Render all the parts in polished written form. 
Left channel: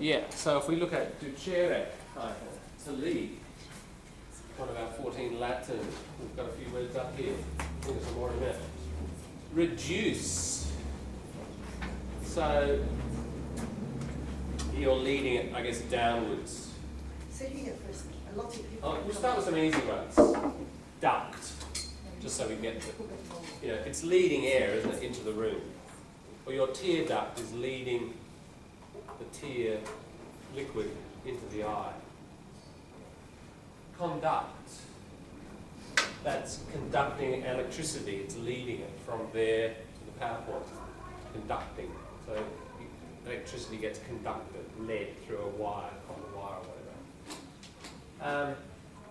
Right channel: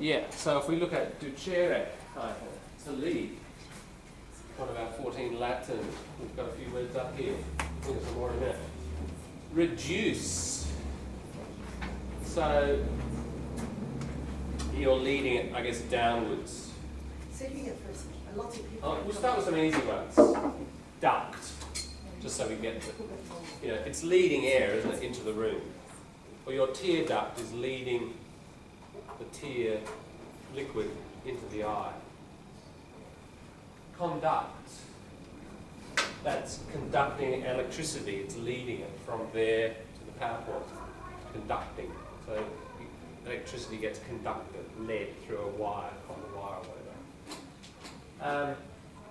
Yeah, so if we look at ducere, to lead, one of our 14 Latin, we've got a few words up here. Think of some more in a minute. Reduce. So you're leading it, I guess, downwards. So you get first. A lot of people. Oh, we'll start with some easy ones. Duct, just so we get to, it's leading air, isn't it, into the room. Or your tear duct is leading the tear liquid into the eye. Conduct, that's conducting electricity, it's leading it from there to the power point. Conducting, so electricity gets conducted, led through a wire, copper wire or whatever.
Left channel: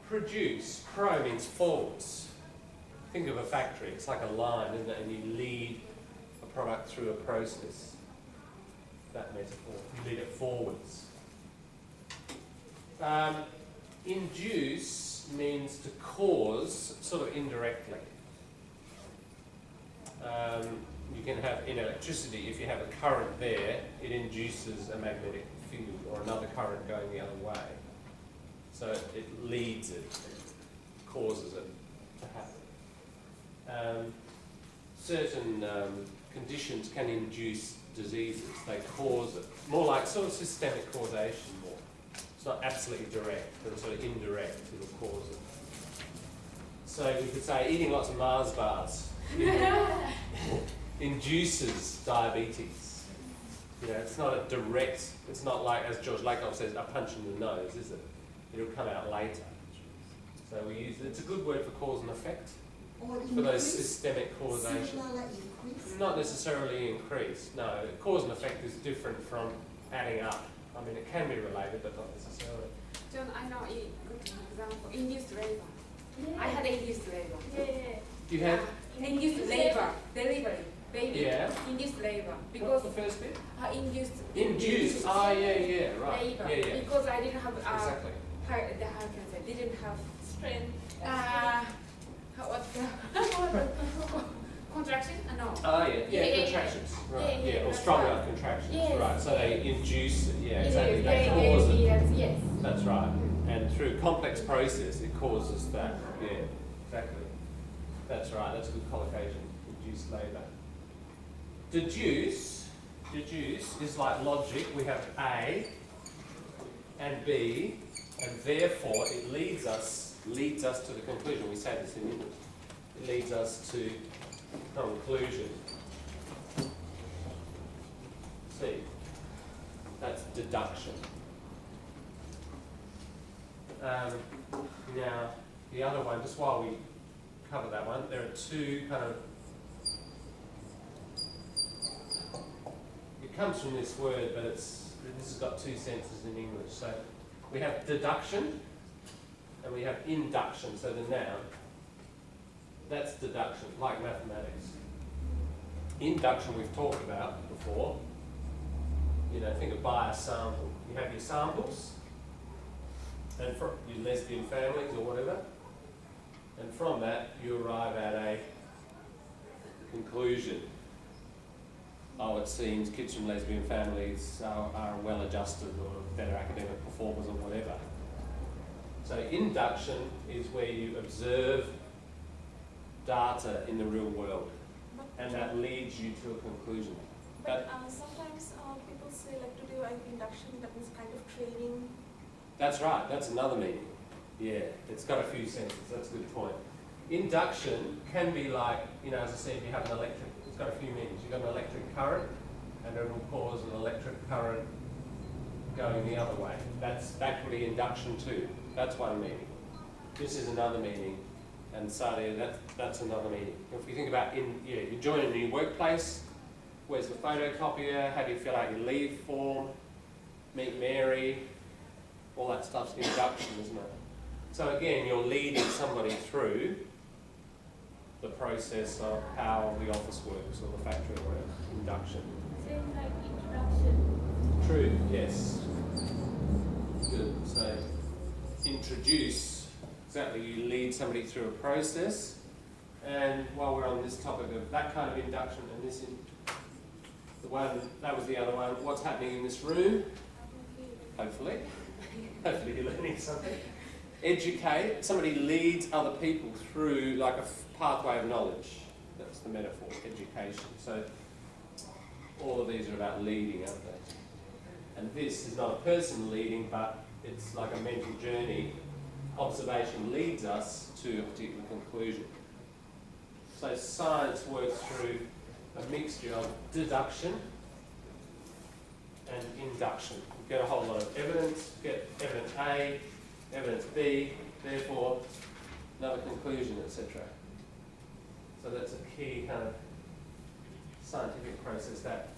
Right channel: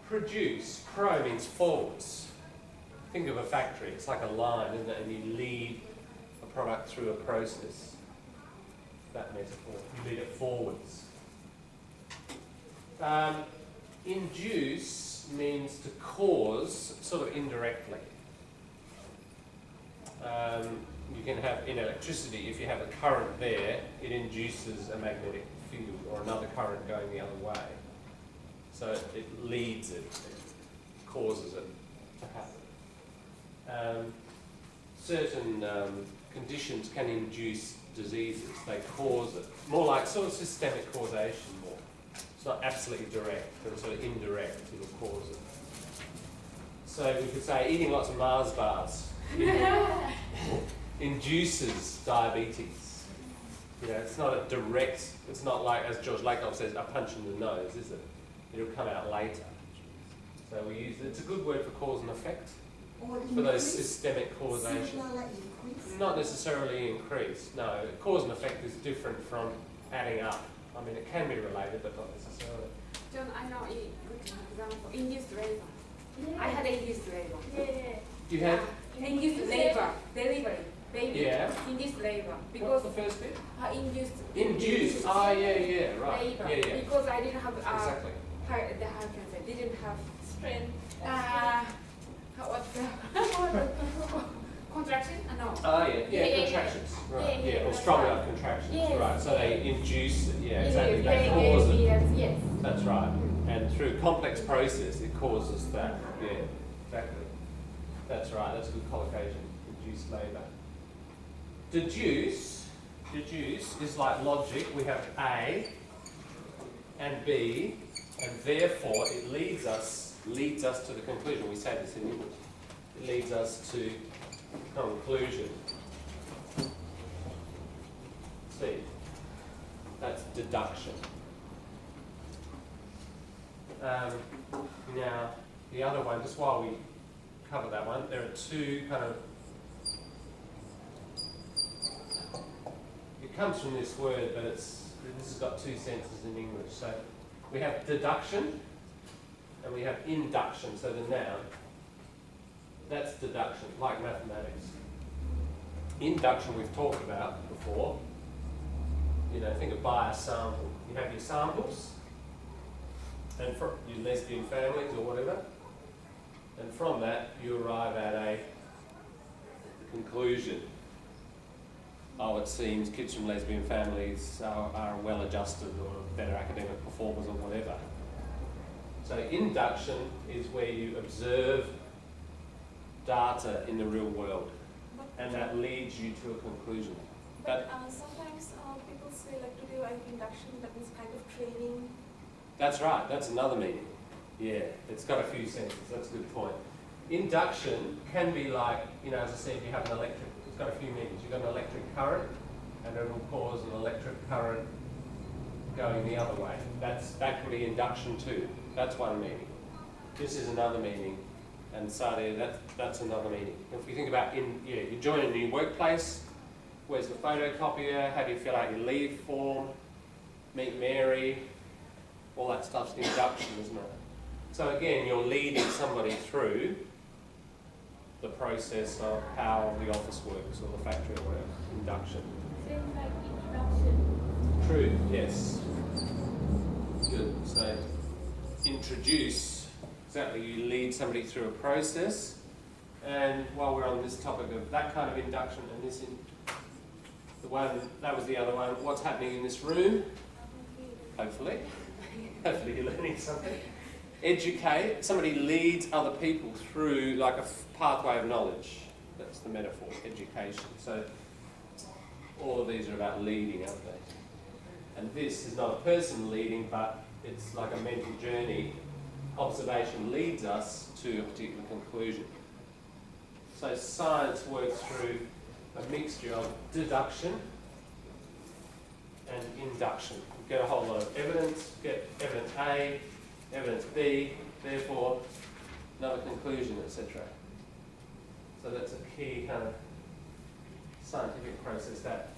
Produce, pro means forwards. Think of a factory, it's like a line, isn't it? And you lead a product through a process. That metaphor, you lead it forwards. Induce means to cause, sort of indirectly. You can have, in electricity, if you have a current there, it induces a magnetic field or another current going the other way. So it leads it, causes it to happen. Certain conditions can induce diseases, they cause it. More like sort of systemic causation more. It's not absolutely direct, but it's sort of indirect, it'll cause it. So we could say eating lots of Mars bars induces diabetes. It's not a direct, it's not like, as George Lakoff says, a punch in the nose, is it? It'll come out later. So we use, it's a good word for cause and effect. Or for those systemic causation. Not necessarily increase, no. Cause and effect is different from adding up. I mean, it can be related, but not necessarily. John, I know a good example. Induced labor. Yeah. I had induced labor. Yeah. You had? Induced labor. Delivery. Baby. Yeah. Induced labor. What's the first bit? Induced. Induced. Ah, yeah, right. Labor. Yeah. Because I didn't have exactly. How can I say? Didn't have strength. Contraction? No. Contractions. Right. Yeah, or strong enough contractions. Yes. Right. So they induce it. Yeah, exactly. Yes, They cause it. Yes. That's right. And through complex process, it causes that. Yeah, exactly. That's right. That's a good collocation. Induced labour. Deduce is like logic. We have A and B, and therefore it leads us to the conclusion. We say this in English. It leads us to conclusion. See, that's deduction. Now, the other one, just while we cover that one, there are two kind of, it comes from this word, but this has got two senses in English. So we have deduction and we have induction, so the noun. That's deduction, like mathematics. Induction we've talked about before. Think of buy a sample. You have your samples, and for your lesbian families or whatever, and from that you arrive at a conclusion. Oh, it seems kids from lesbian families are well adjusted or better academic performers or whatever. So induction is where you observe data in the real world, and that leads you to a conclusion. But sometimes people say like to do induction, that means kind of training. That's right, that's another meaning. Yeah, it's got a few senses, that's a good point. Induction can be like, as I said, you have an electric, it's got a few meanings. You've got an electric current, and it will cause an electric current going the other way. That could be induction too. That's one meaning. This is another meaning. And Sadia, that's another meaning. If we think about you join a new workplace, where's the photocopier, how do you fill out your leave form, meet Mary, all that stuff's induction, isn't it? So again, you're leading somebody through the process of how the office works or the factory or whatever. Induction. Same like introduction. True, yes. Good. So introduce, exactly, you lead somebody through a process. And while we're on this topic of that kind of induction and this, that was the other one, what's happening in this room? hopefully. Hopefully you're learning something. Educate, somebody leads other people through like a pathway of knowledge. That's the metaphor, education. So all of these are about leading, aren't they? And this is not a person leading, but it's like a mental journey. Observation leads us to a particular conclusion. So science works through a mixture of deduction and induction. You get a whole lot of evidence, get evidence A, evidence B, therefore another conclusion, etc. So that's a key kind of scientific process, that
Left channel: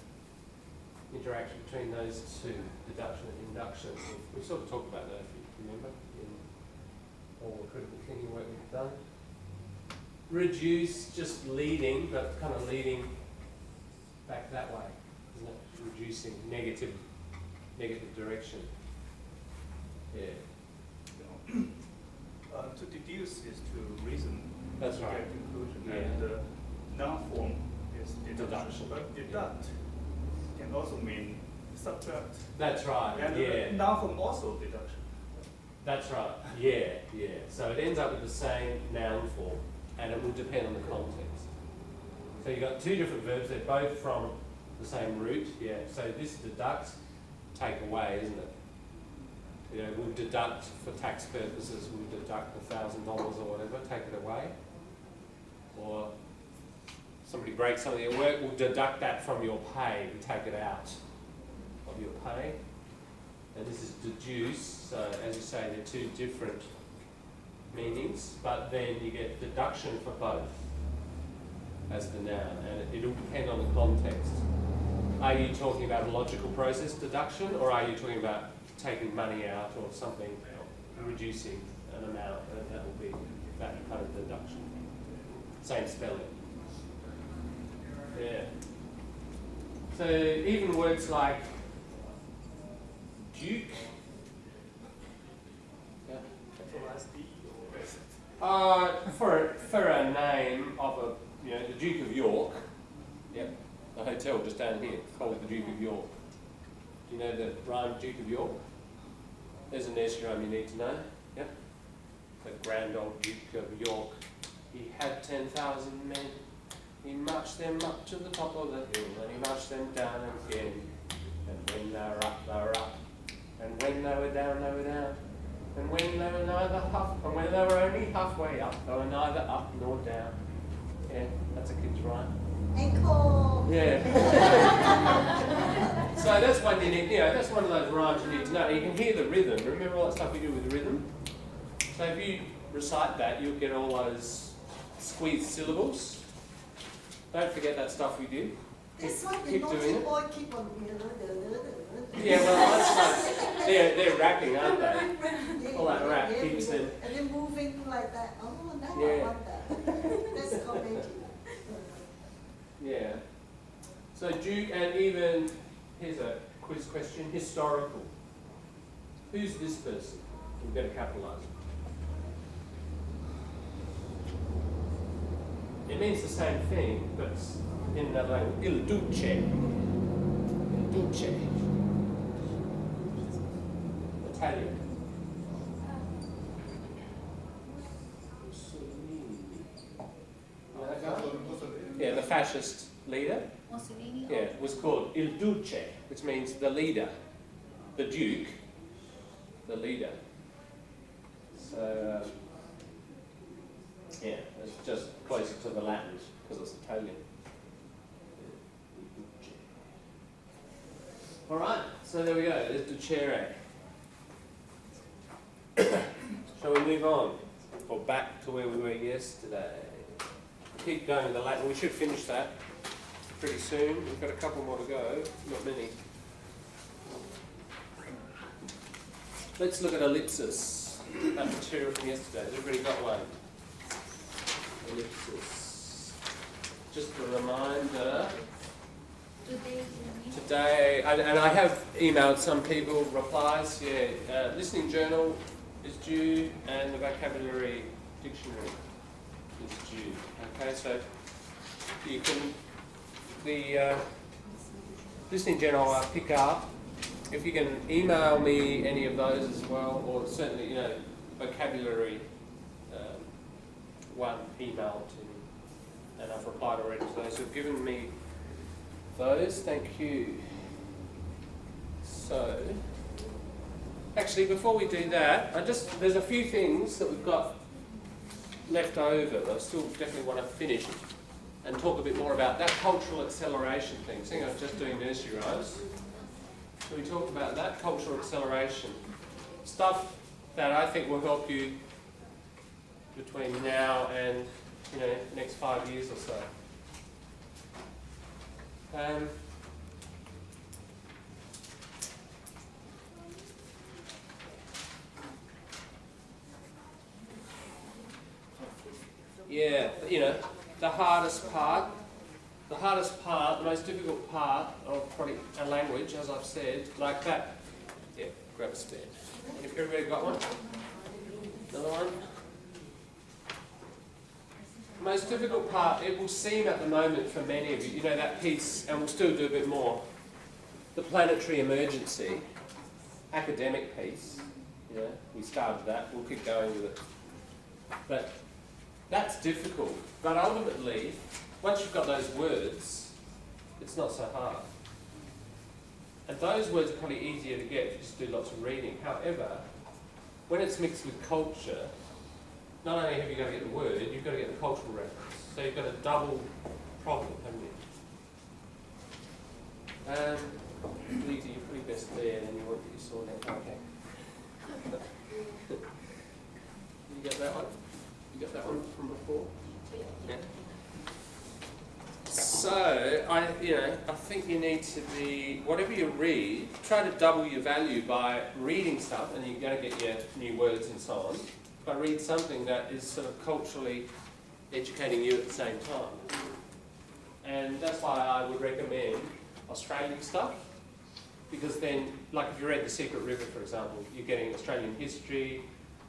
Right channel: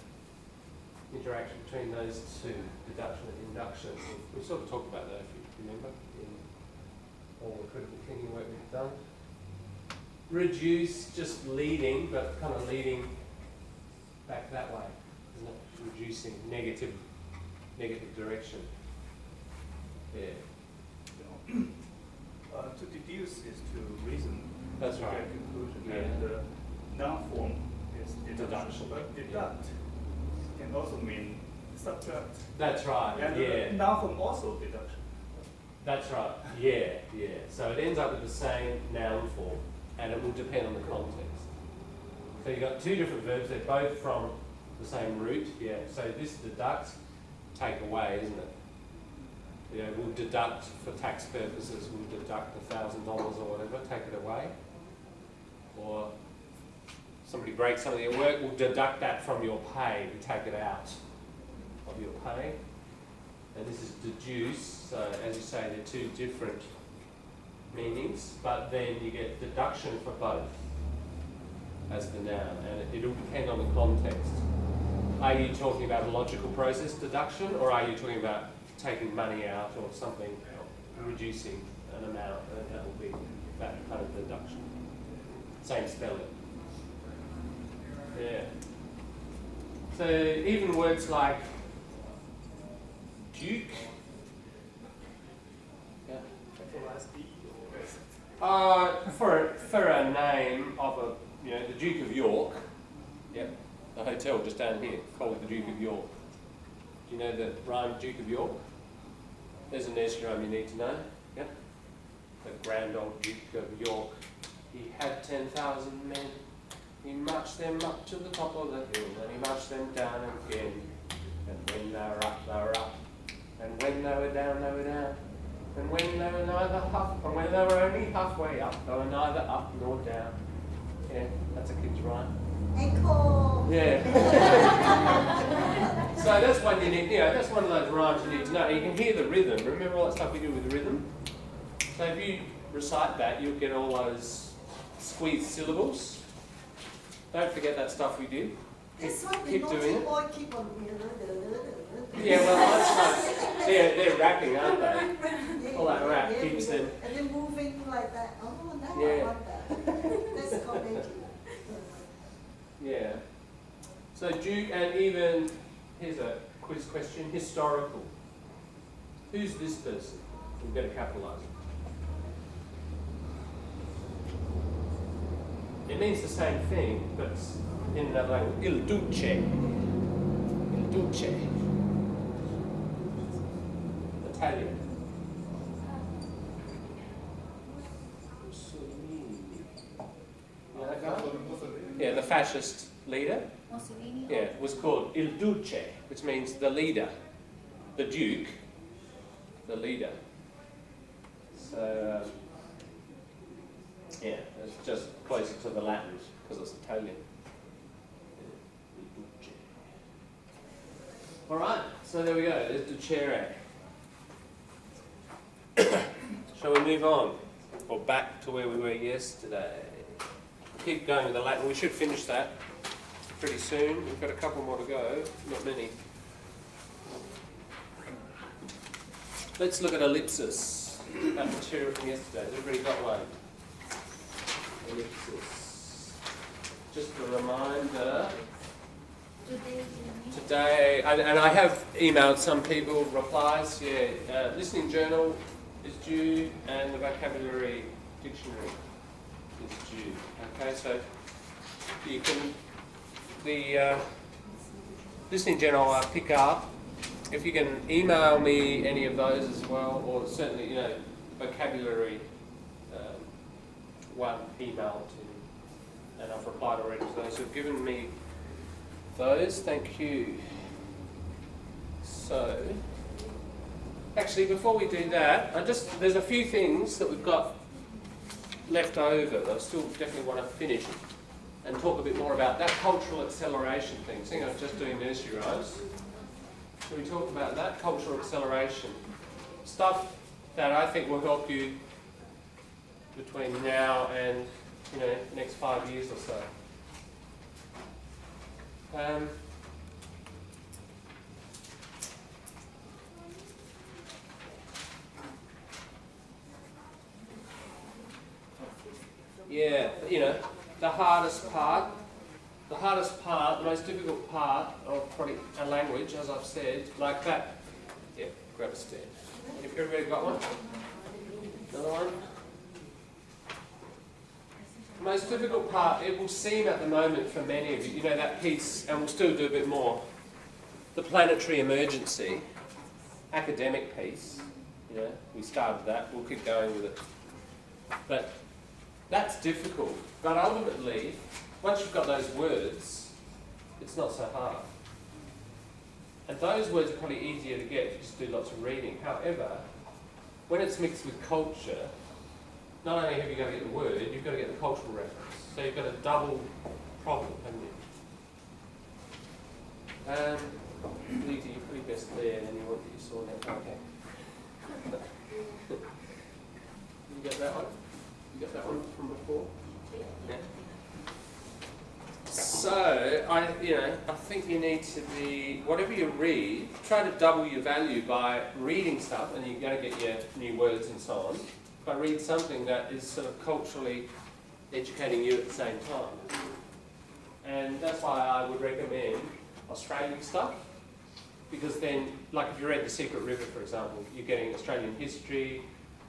interaction between those two, deduction and induction. We sort of talked about that, if you remember, in all the critical thinking work we've done. Reduce, just leading, but kind of leading back that way, isn't it? Reducing negative direction. Yeah. To deduce is to reason. That's to right. get conclusion. Yeah. And noun-form is Deduction. But deduct can also mean subtract. That's right. And Yeah. noun-form also deduction. That's right. Yeah. So it ends up with the same noun form, and it will depend on the context. So you've got two different verbs. They're both from the same root. Yeah. So this deduct, take away, isn't it? You know, we'll deduct for tax purposes. We'll deduct $1,000 or whatever. Take it away. Or somebody breaks something at work. We'll deduct that from your pay. We take it out of your pay. And this is deduce, so as you say, they're two different meanings, but then you get deduction for both as the noun, and it'll depend on the context. Are you talking about a logical process, deduction, or are you talking about taking money out or something, reducing an amount, and that will be that kind of deduction. Same spelling. Yeah. So even words like Duke. Yeah. For a name of the Duke of York. Yep. The hotel just down here called the Duke of York. Do you know the rhyme Duke of York? There's a nursery rhyme you need to know. Yep. The grand old Duke of York. He had 10,000 men. He marched them up to the top of the hill, and he marched them down again. And when they were up, they were up. And when they were down, they were down. And when they were neither and when they were only halfway up, they were neither up nor down. Yeah, that's a kid's rhyme. Ankle. Yeah. So that's one you need. That's one of those rhymes you need to know. You can hear the rhythm. Remember all that stuff we do with the rhythm. So if you recite that, you'll get all those squeezed syllables. Don't forget that stuff we did. This one, the Keep naughty doing it. boy keep on. Yeah, well, that's like they're rapping, aren't they? Yeah, All that rap yeah, keeps them. And then moving like that. Oh, now Yeah. I want that. That's called magic. Yeah. So Duke, and even here's a quiz question: historical. Who's this person? We've got to capitalise it. It means the same thing, but in another language. Il Duce. Il Duce. Italian. Mussolini. You know that guy? Yeah, the fascist leader. Mussolini. Yeah, was called Il Duce, which means the leader. The Duke, the leader. So, yeah, it's just closer to the Latin because it's Italian. Il Duce. All right, so there we go. There's Ducere. Shall we move on? Or back to where we were yesterday? Keep going with the Latin. We should finish that pretty soon. We've got a couple more to go, not many. Let's look at ellipsis. That material from yesterday. Has everybody got one? Ellipsis. Just a reminder. Today, and I have emailed some people replies. Yeah, listening journal is due, and the vocabulary dictionary is due. Okay, so you can the listening journal I'll pick up if you can email me any of those as well, or certainly, you know, vocabulary one email to me, and I've replied already to those who've given me those. Thank you. So, actually, before we do that, there's a few things that we've got left over that I still definitely want to finish and talk a bit more about. That cultural acceleration thing. Seeing I was just doing nursery rhymes. Should we talk about that? Cultural acceleration. Stuff that I think will help you between now and, you know, the next 5 years or so. Yeah, you know, the hardest part, the most difficult part of probably a language, as I've said, like that. Yeah, grab a stand. If everybody got one? Another one? The most difficult part, it will seem at the moment for many of you, you know, that piece, and we'll still do a bit more, the planetary emergency, academic piece, you know, we started that, we'll keep going with it. But that's difficult, but ultimately, once you've got those words, it's not so hard. And those words are probably easier to get if you just do lots of reading. However, when it's mixed with culture, not only have you got to get the word, you've got to get the cultural reference. So you've got a double problem, haven't you? Lisa, you're pretty best there, and you want that you saw that. Okay. You get that one? You got that one from before? Yeah. So, I think you need to be, whatever you read, try to double your value by reading stuff, and you're going to get your new words and so on. But read something that is sort of culturally educating you at the same time. And that's why I would recommend Australian stuff, because then, like if you read The Secret River, for example, you're getting Australian history,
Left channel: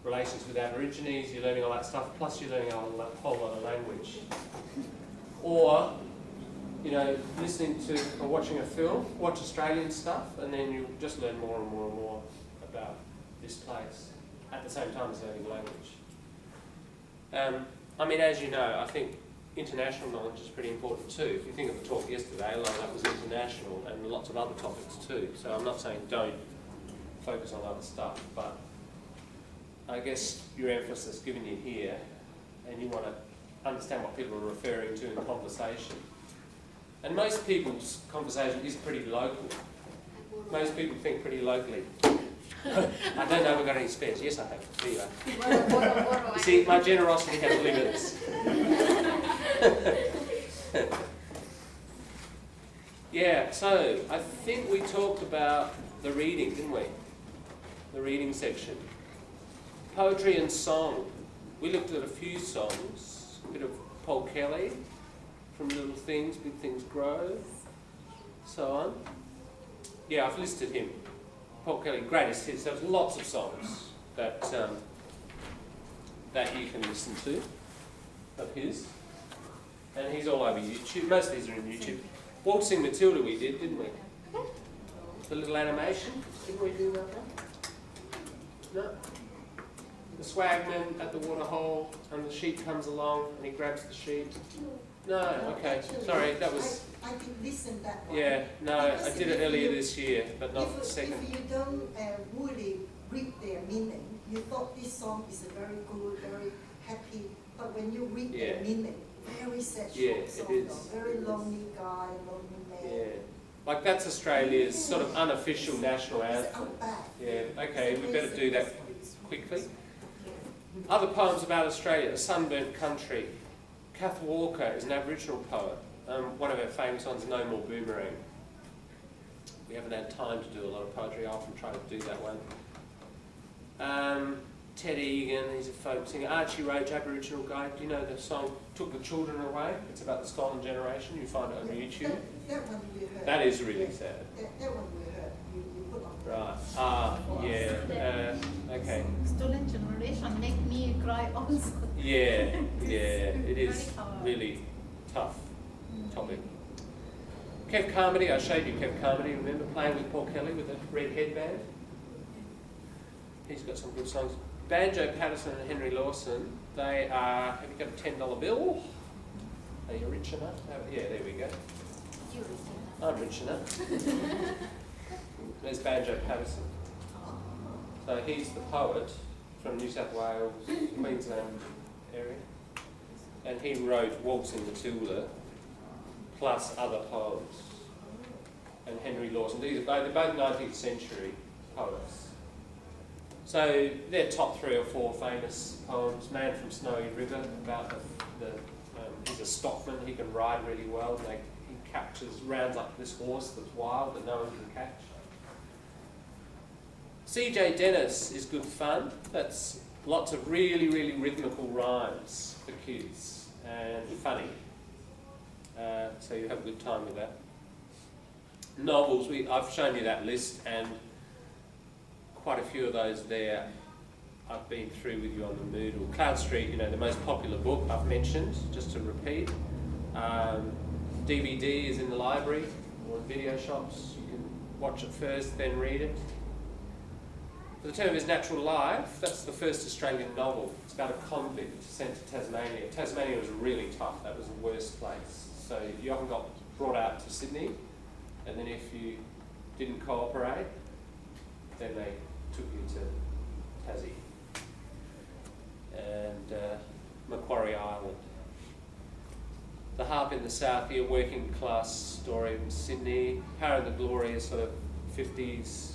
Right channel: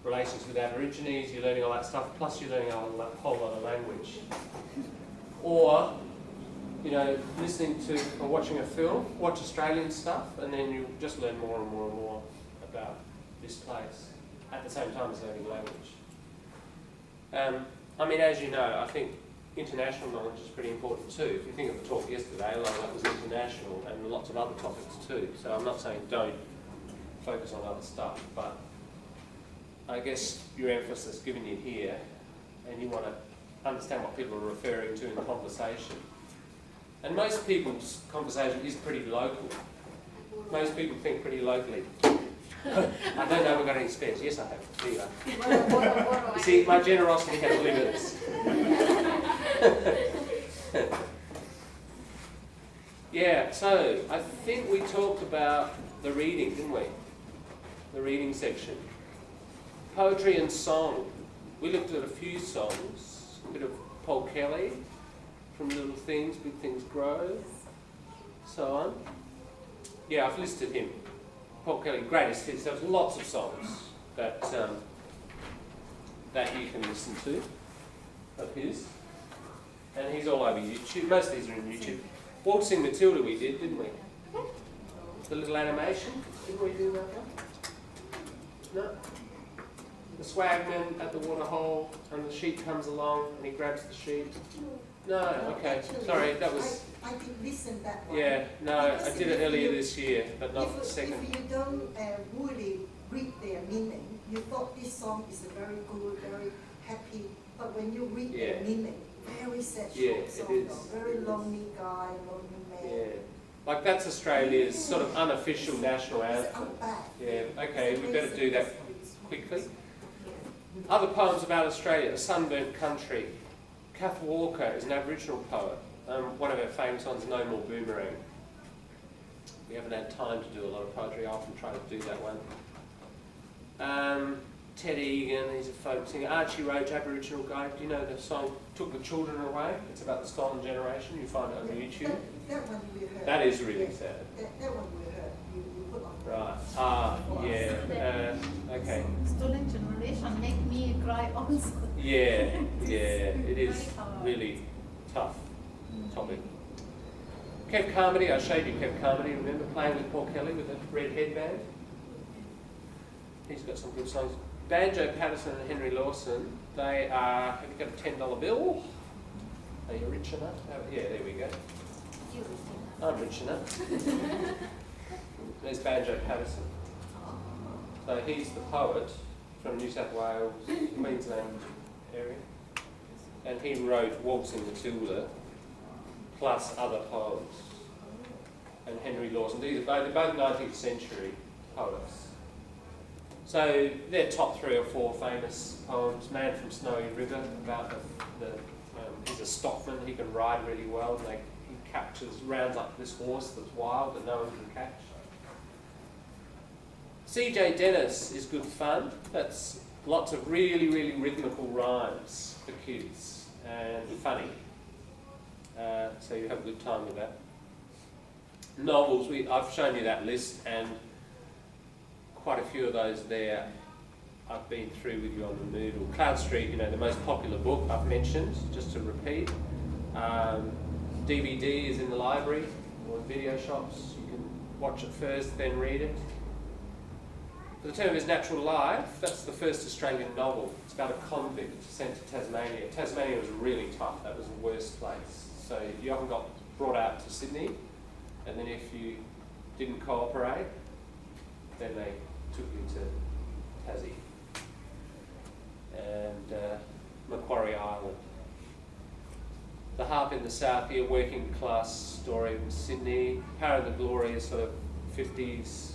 relations with Aborigines, you're learning all that stuff, plus you're learning a whole lot of language. Or, you know, listening to or watching a film, watch Australian stuff, and then you just learn more and more and more about this place at the same time as learning language. I mean, as you know, I think international knowledge is pretty important too. If you think of the talk yesterday, a lot of that was international, and lots of other topics too. So I'm not saying don't focus on other stuff, but I guess your emphasis given you here, and you want to understand what people are referring to in the conversation. And most people's conversation is pretty local. Most people think pretty locally. I don't know if I've got any spares. Yes, I have. There you are. You see, my generosity has limits. Yeah, so I think we talked about the reading, didn't we? The reading section. Poetry and song. We looked at a few songs. A bit of Paul Kelly, From Little Things, Big Things Grow, so on. Yeah, I've listed him. Paul Kelly, greatest hits. There's lots of songs that that you can listen to of his. And he's all over YouTube. Most of these are in YouTube. Waltzing Matilda we did, didn't we? The little animation. Didn't we do that one? No? The swagman at the waterhole, and the sheep comes along and he grabs the sheep. No, okay, sorry, that was... I did listen that one. Yeah, no, I did it earlier this year, but not the second. If you don't really read their meaning, you thought this song is a very good, very happy, but when you read their meaning, very sad song, very lonely guy, lonely man. Yeah, like that's Australia's sort of unofficial national anthem. Yeah, okay, we better do that quickly. Other poems about Australia, A Sunburnt Country. Kath Walker is an Aboriginal poet. One of her famous ones, No More Boomerang. We haven't had time to do a lot of poetry. I often try to do that one. Ted Egan, he's a folk singer. Archie Roach, Aboriginal guy. Do you know the song Took the Children Away? It's about the stolen generation. You find it on YouTube. That one we heard. That is really sad. That one we heard. You put on. Right. Yeah. Okay. Stolen generation make me cry also. Yeah. It is really tough topic. Kev Carmody, I showed you Kev Carmody, remember playing with Paul Kelly with the red headband? He's got some good songs. Banjo Patterson and Henry Lawson, they are, have you got a $10 bill? Are you rich enough? Yeah, there we go. You receive I'm rich enough. There's Banjo Patterson. So he's the poet from New South Wales, Queensland area. And he wrote Waltzing Matilda, plus other poems. And Henry Lawson, they're both 19th century poets. So they're top 3 or 4 famous poems. Man from Snowy River, about he's a stockman, he can ride really well. He rounds up this horse that's wild that no one can catch. C.J. Dennis is good fun. That's lots of really, really rhythmical rhymes for kids and funny. So you have a good time with that. Novels, I've shown you that list, and quite a few of those there I've been through with you on the Moodle. Cloud Street, the most popular book I've mentioned, just to repeat. DVD is in the library or in video shops. You can watch it first, then read it. For the Term of His Natural Life, that's the first Australian novel. It's about a convict sent to Tasmania. Tasmania was really tough. That was the worst place. So you often got brought out to Sydney, and then if you didn't cooperate, then they took you to Tassie and Macquarie Island. The Harp in the South here, working class story from Sydney. Power and the Glory is sort of 50s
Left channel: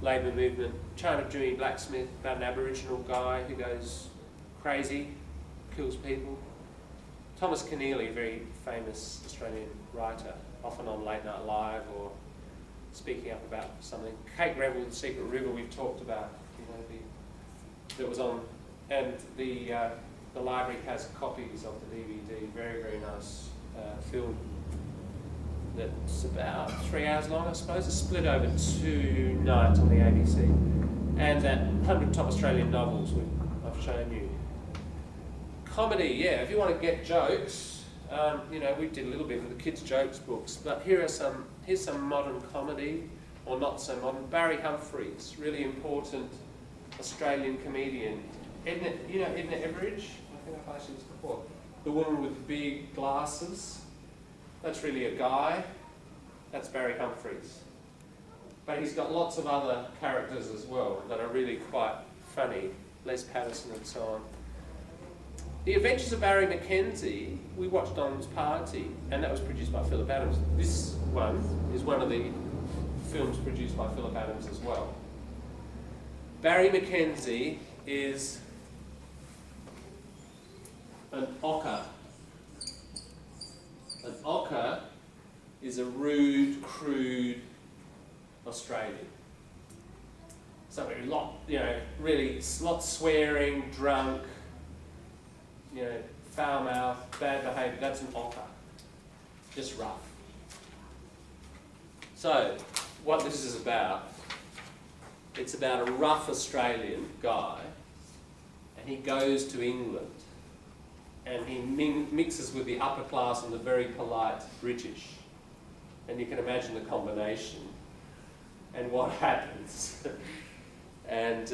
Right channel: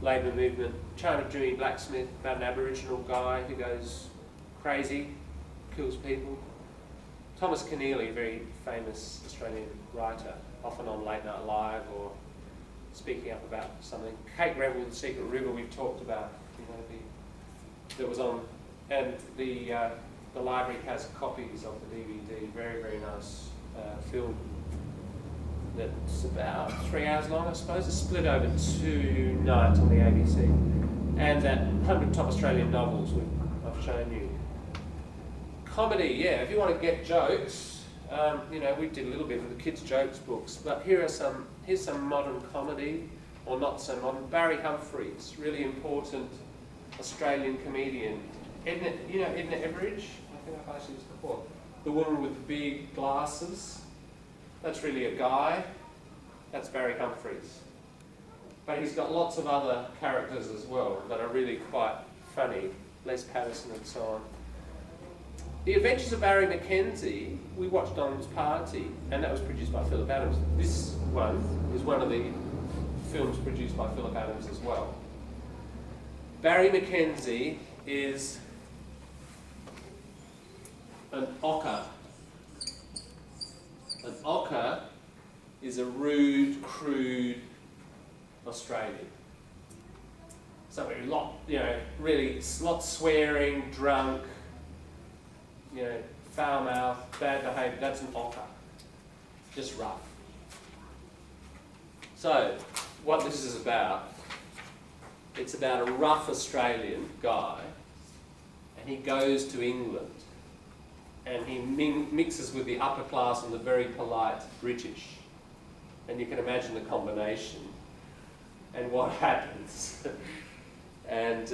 labour movement. China Dewey Blacksmith, about an Aboriginal guy who goes crazy, kills people. Thomas Keneally, very famous Australian writer, often on Late Night Live or speaking up about something. Kate Revel, The Secret River, we've talked about, that was on, and the library has copies of the DVD. Very, very nice film. That's about 3 hours long, I suppose. It's split over 2 nights on the ABC. And that 100 Top Australian Novels I've shown you. Comedy, yeah, if you want to get jokes, we did a little bit with the kids' jokes books, but here's some modern comedy, or not so modern. Barry Humphries, really important Australian comedian. Edna Everidge, I think I've asked you this before. The woman with the big glasses. That's really a guy. That's Barry Humphries. But he's got lots of other characters as well that are really quite funny. Les Patterson and so on. The Adventures of Barry Mackenzie, we watched on his party, and that was produced by Philip Adams. This one is one of the films produced by Philip Adams as well. Barry Mackenzie is an ochre. An ochre is a rude, crude Australian. So really lots swearing, drunk, foul mouth, bad behaviour. That's an ochre. Just rough. So, what this is about, it's about a rough Australian guy, and he goes to England, and he mixes with the upper class and the very polite British. And you can imagine the combination and what happens. And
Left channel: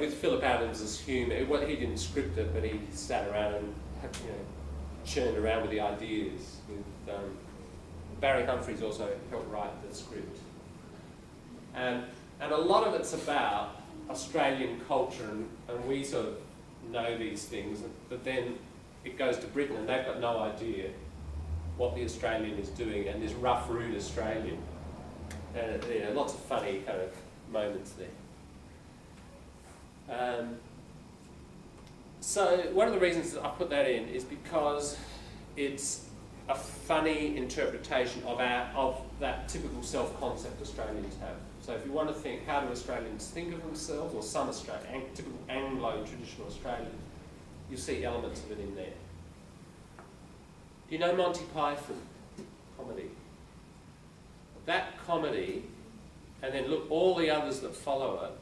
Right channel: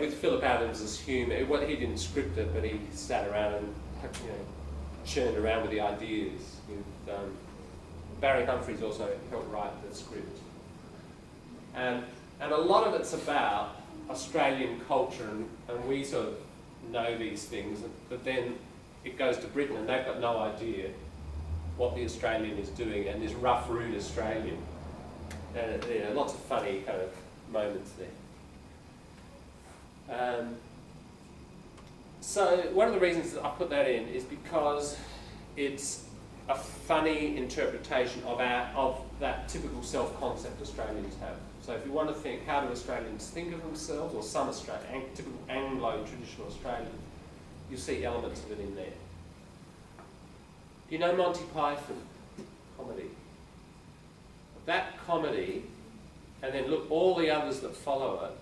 with Philip Adams' humour, he didn't script it, but he sat around and churned around with the ideas. Barry Humphries also helped write the script. And a lot of it's about Australian culture, and we sort of know these things, but then it goes to Britain and they've got no idea what the Australian is doing, and this rough, rude Australian. And lots of funny kind of moments there. So one of the reasons that I put that in is because it's a funny interpretation of that typical self-concept Australians have. So if you want to think, how do Australians think of themselves, or some typical Anglo traditional Australian, you'll see elements of it in there. Do you know Monty Python comedy? That comedy, and then look all the others that follow it.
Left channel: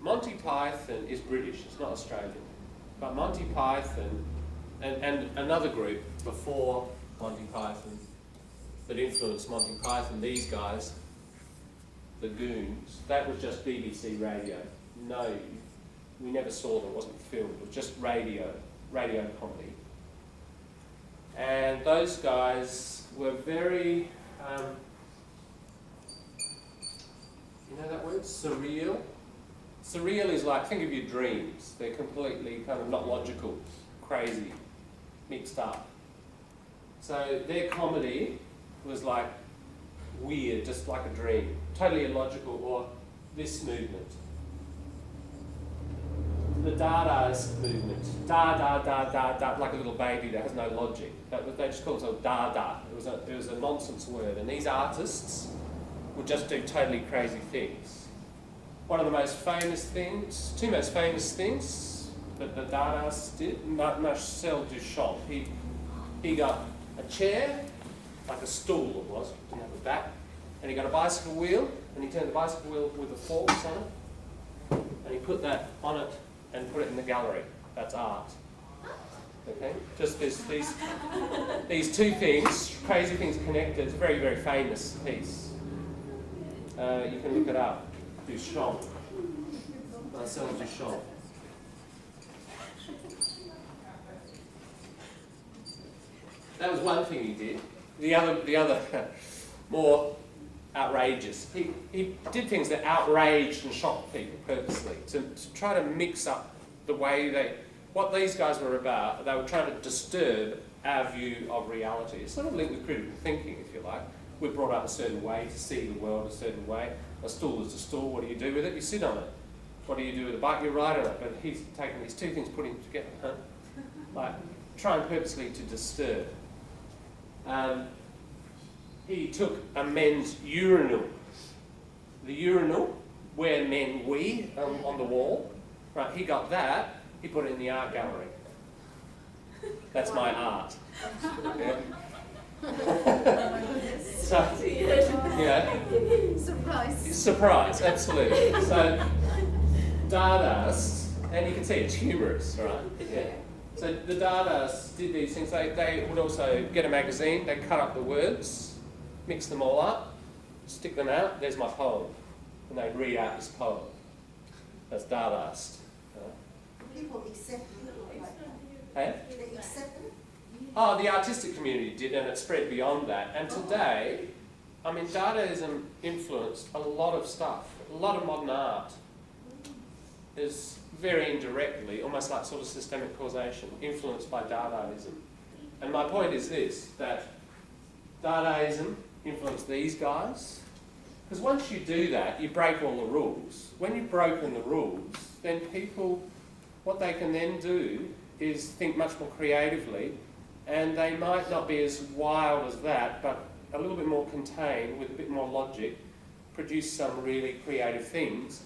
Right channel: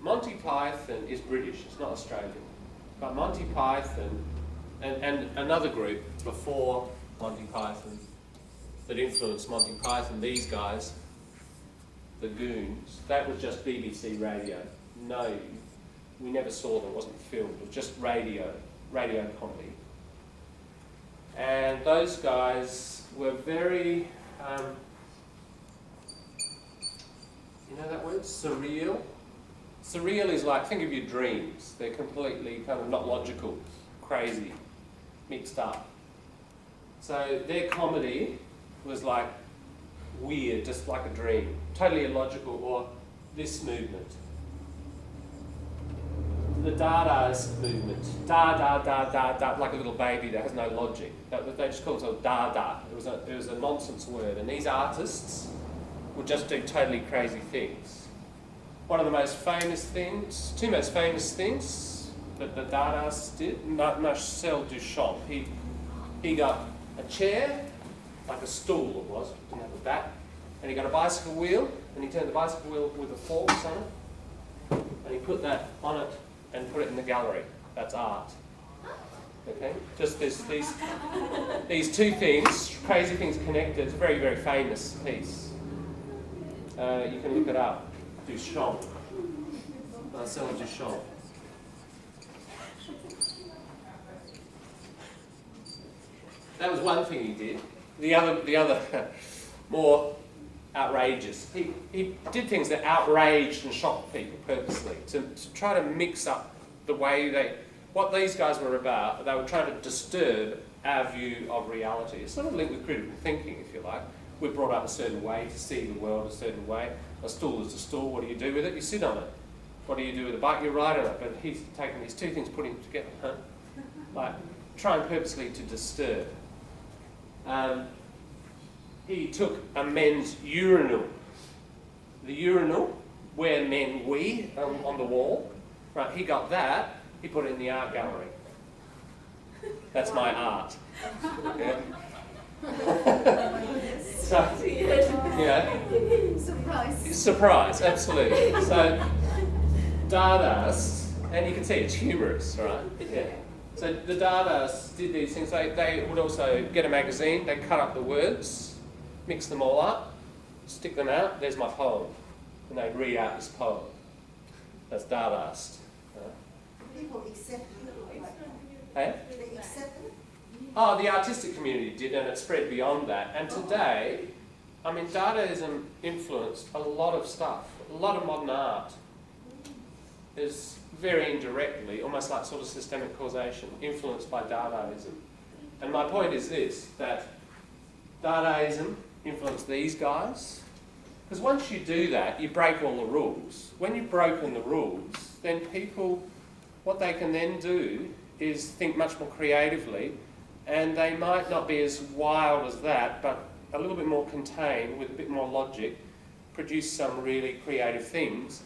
Monty Python is British, it's not Australian. But Monty Python and another group before Monty Python that influenced Monty Python, these guys, the Goons, that was just BBC radio. No, we never saw them, it wasn't filmed, it was just radio comedy. And those guys were very, you know that word, surreal? Surreal is like, think of your dreams. They're completely kind of not logical, crazy, mixed up. So their comedy was like weird, just like a dream, totally illogical, or this movement. The Dadaist movement, da, like a little baby that has no logic. They just call themselves Dada. It was a nonsense word, and these artists would just do totally crazy things. One of the most famous things, two most famous things that the Dadaists did, Marcel Duchamp, he got a chair, like a stool it was, didn't have a back, and he got a bicycle wheel, and he turned the bicycle wheel with a forks on it, and he put that on it and put it in the gallery. That's art. Okay? Just these two things, crazy things connected. It's a very, very famous piece. You can look it up. Duchamp. Marcel Duchamp. That was one thing he did. The other more outrageous. He did things that outraged and shocked people purposely to try to mix up the way what these guys were about. They were trying to disturb our view of reality. It's sort of linked with critical thinking, if you like. We're brought up a certain way to see the world a certain way. A stool is a stool. What do you do with it? You sit on it. What do you do with a bike? You ride on it. But he's taken these two things, putting them together, huh? Like trying purposely to disturb. He took a men's urinal. The urinal where men wee on the wall. Right, he got that. He put it in the art gallery. That's my art. Yeah. So, yeah. Surprise, absolutely. So, Dadaists, and you can see it's humorous, right? Yeah. So the Dadaists did these things. They would also get a magazine, they'd cut up the words, mix them all up, stick them out, there's my poem. And they'd read out this poem. That's Dadaist. People accept it. Hey? They accept it. Oh, the artistic community did, and it spread beyond that. And today, I mean, Dadaism influenced a lot of stuff. A lot of modern art is very indirectly, almost like sort of systemic causation, influenced by Dadaism. And my point is this, that Dadaism influenced these guys, because once you do that, you break all the rules. When you've broken the rules, then people, what they can then do is think much more creatively, and they might not be as wild as that, but a little bit more contained, with a bit more logic, produce some really creative things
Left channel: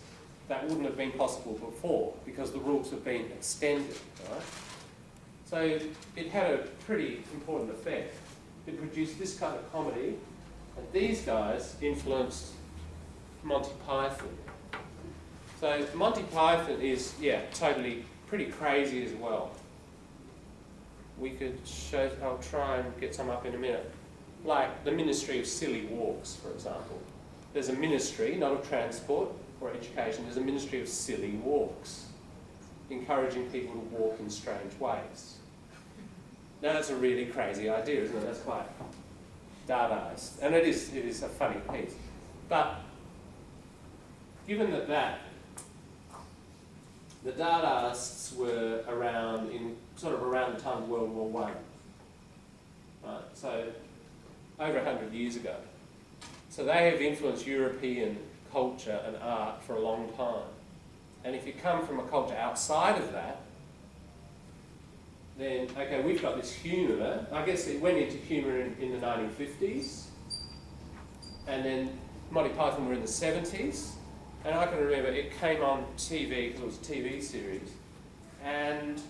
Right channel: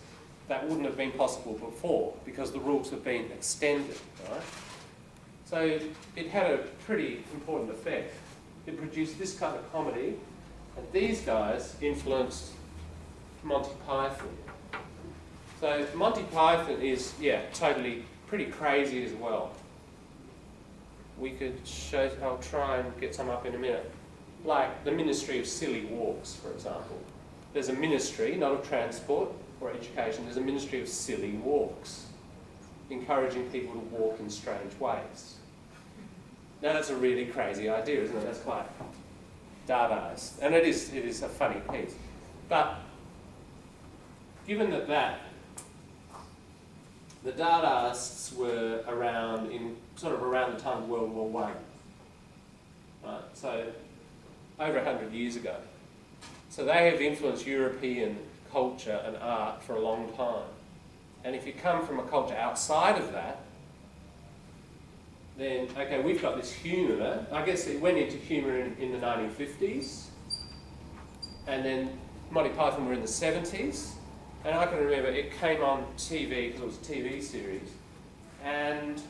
that wouldn't have been possible before, because the rules have been extended, right? So it had a pretty important effect. It produced this kind of comedy, and these guys influenced Monty Python. So Monty Python is, yeah, totally pretty crazy as well. We could show, I'll try and get some up in a minute. Like the Ministry of Silly Walks, for example. There's a ministry, not of transport or education, there's a Ministry of Silly Walks, encouraging people to walk in strange ways. Now that's a really crazy idea, isn't it? That's quite Dadaist. And it is a funny piece. But given that the Dadaists were around around the time of World War I, right? So over 100 years ago. So they have influenced European culture and art for a long time. And if you come from a culture outside of that, then, okay, we've got this humour. I guess it went into humour in the 1950s, and then Monty Python were in the 70s, and I can remember it came on TV, because it was a TV series, and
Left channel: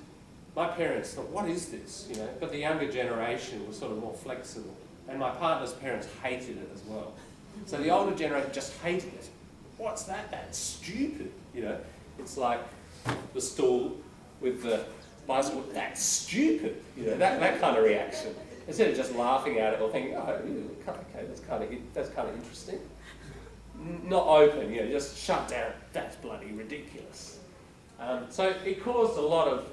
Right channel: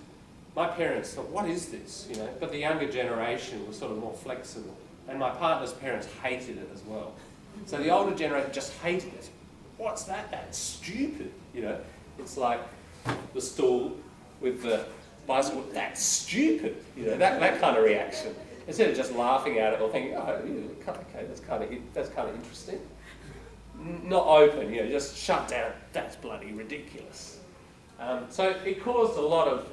my parents thought, what is this? You know, but the younger generation was sort of more flexible, and my partner's parents hated it as well. So the older generation just hated it. What's that? That's stupid. You know, it's like the stool with the bicycle. That's stupid. You know, that kind of reaction. instead of just laughing at it or thinking, oh, ew, okay, that's kind of interesting. Not open, just shut down. That's bloody ridiculous. So it caused a lot of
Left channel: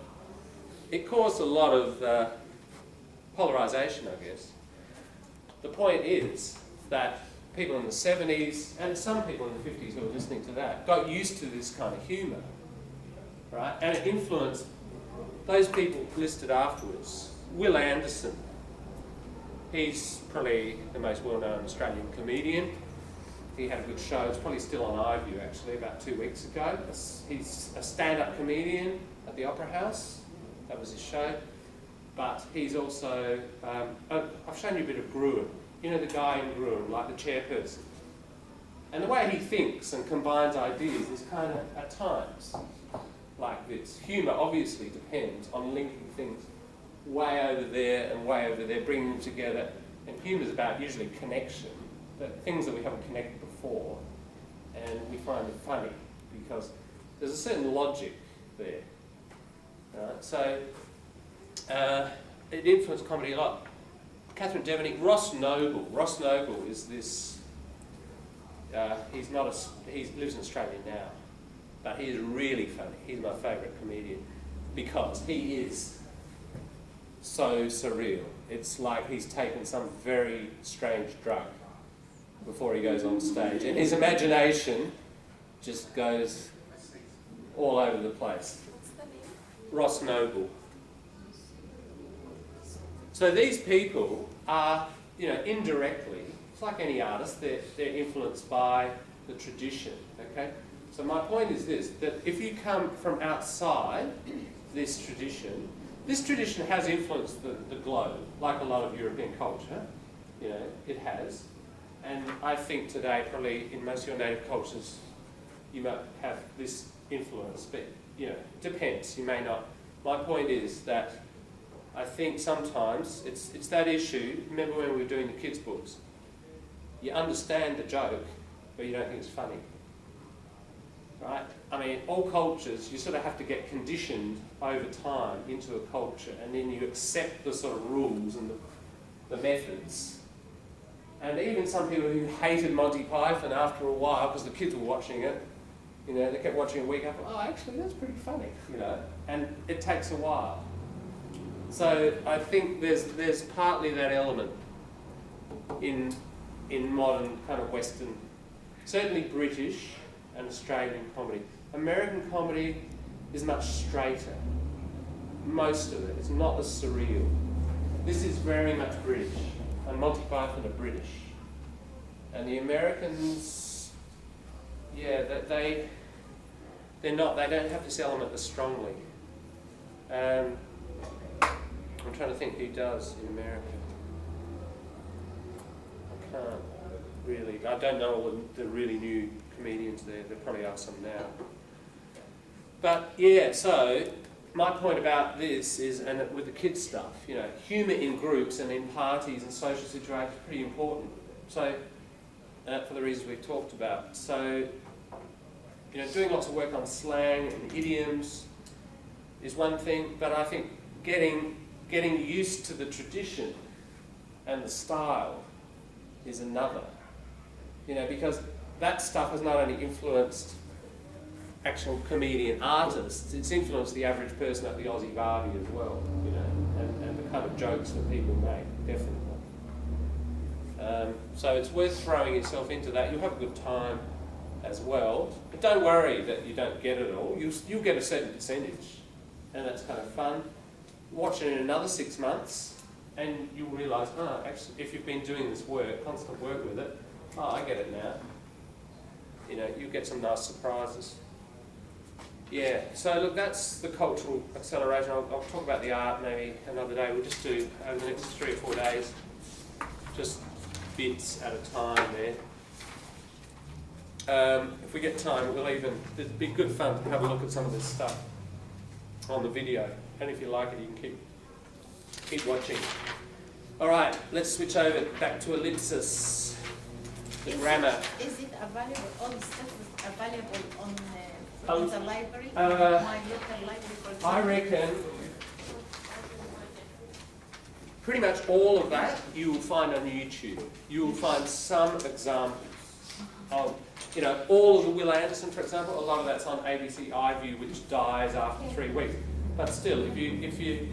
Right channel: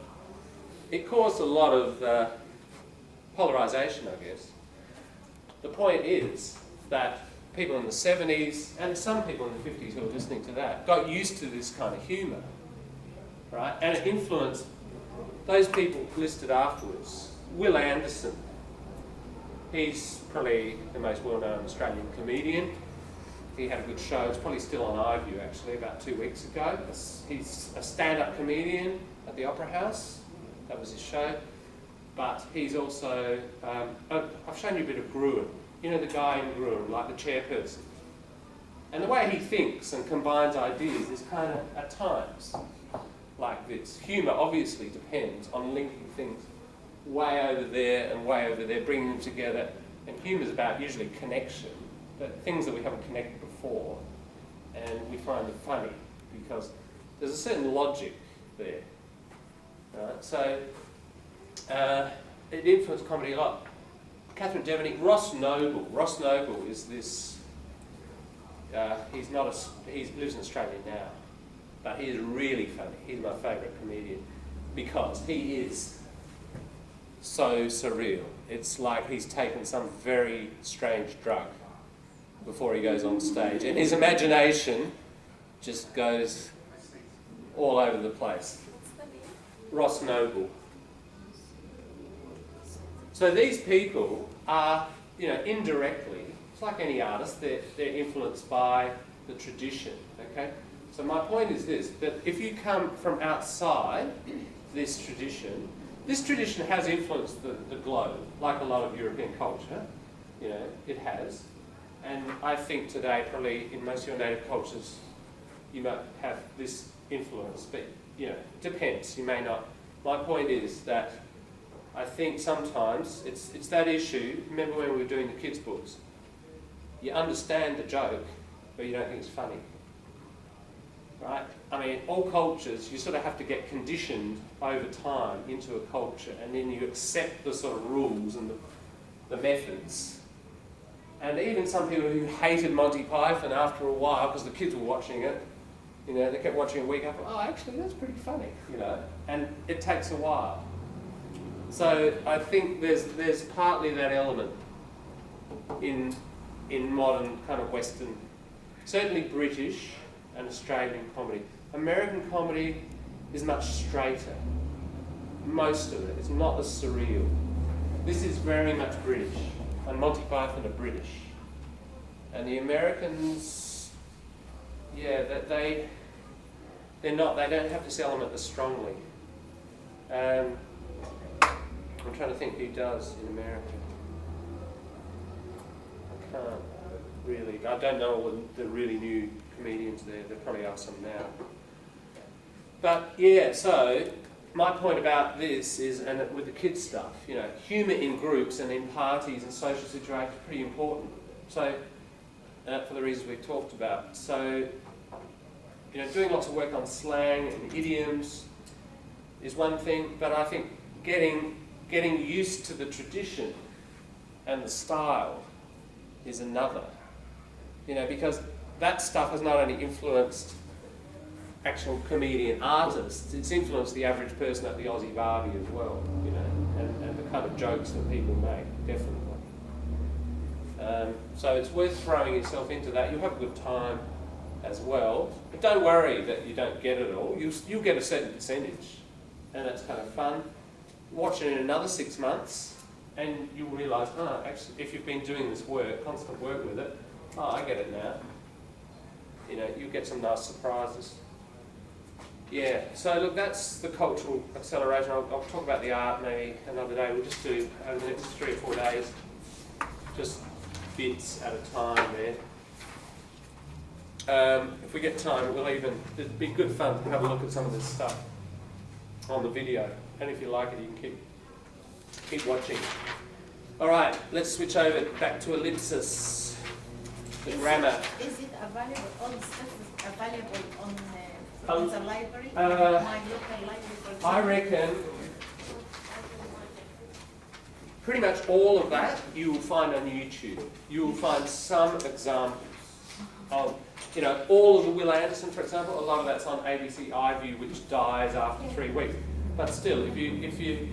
polarisation, I guess. The point is that people in the 70s and some people in the 50s who were listening to that got used to this kind of humour, right? And it influenced those people listed afterwards. Will Anderson, he's probably the most well-known Australian comedian. He had a good show. It's probably still on iView, actually, about 2 weeks ago. He's a stand-up comedian at the Opera House. That was his show. But he's also... I've shown you a bit of Gruen. You know the guy in Gruen, like the chairperson. And the way he thinks and combines ideas is kind of, at times, like this. Humour obviously depends on linking things way over there and way over there, bringing them together. And humour's about usually connection. Things that we haven't connected before, and we find it funny because there's a certain logic there. Right? So it influenced comedy a lot. Catherine Devaney, Ross Noble. Ross Noble is this. He lives in Australia now, but he is really funny. He's my favourite comedian because he is so surreal. It's like he's taken some very strange drug before he goes on stage. And his imagination just goes all over the place. What's the name? Ross Noble. So these people are, indirectly, it's like any artist, they're influenced by the tradition, okay? So my point is this, that if you come from outside this tradition has influenced the globe, like a lot of European culture, it has. And I think today, probably in most of your native cultures, you might have this influence, but depends. You may not. My point is that I think sometimes it's that issue. Remember when we were doing the kids' books? You understand the joke, but you don't think it's funny, right? I mean, all cultures, you sort of have to get conditioned over time into a culture, and then you accept the sort of rules and the methods. And even some people who hated Monty Python after a while, because the kids were watching it, they kept watching a week after, oh, actually, that's pretty funny, and it takes a while. So I think there's partly that element in modern kind of Western, certainly British and Australian comedy. American comedy is much straighter. Most of it. It's not as surreal. This is very much British. And Monty Python are British. And the Americans, they're not, they don't have this element as strongly. I'm trying to think who does in America. I can't really, I don't know all the really new comedians there. There probably are some now. But so my point about this is, and with the kids stuff, humour in groups and in parties and social situations is pretty important. So, for the reasons we've talked about. So, doing lots of work on slang and idioms is one thing, but I think getting used to the tradition and the style is another. Because that stuff has not only influenced actual comedian artists, it's influenced the average person at the Aussie Barbie as well, and the kind of jokes that people make, definitely. So it's worth throwing yourself into that. You'll have a good time as well, but don't worry that you don't get it all. You'll get a certain percentage, and that's kind of fun. Watch it in another 6 months, and you'll realise, actually, if you've been doing this work, constant work with it, I get it now. You'll get some nice surprises. Yeah, so look, that's the cultural acceleration. I'll talk about the art maybe another day. We'll just do, over the next 3 or 4 days, just bits at a time there. If we get time, it'd be good fun to have a look at some of this stuff on the video. And if you like it, you can keep watching. All right, let's switch over back to ellipsis, the grammar. Is it available, all the stuff is available on the library? My local library, for example? I reckon pretty much all of that you will find on YouTube. You will find some examples of, you know, all of the Will Anderson, for example. A lot of that's on ABC iView, which dies after 3 weeks. But still, if you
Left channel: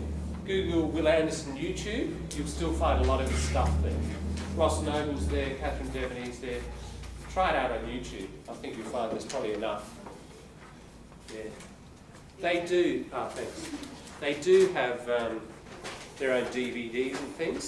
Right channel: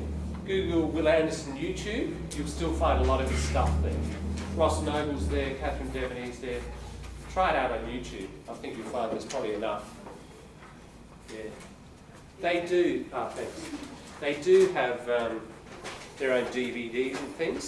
Google Will Anderson YouTube, you'll still find a lot of his stuff there. Ross Noble's there, Catherine Devaney's there. Try it out on YouTube. I think you'll find there's probably enough. Yeah. They do, thanks. They do have their own DVDs and things.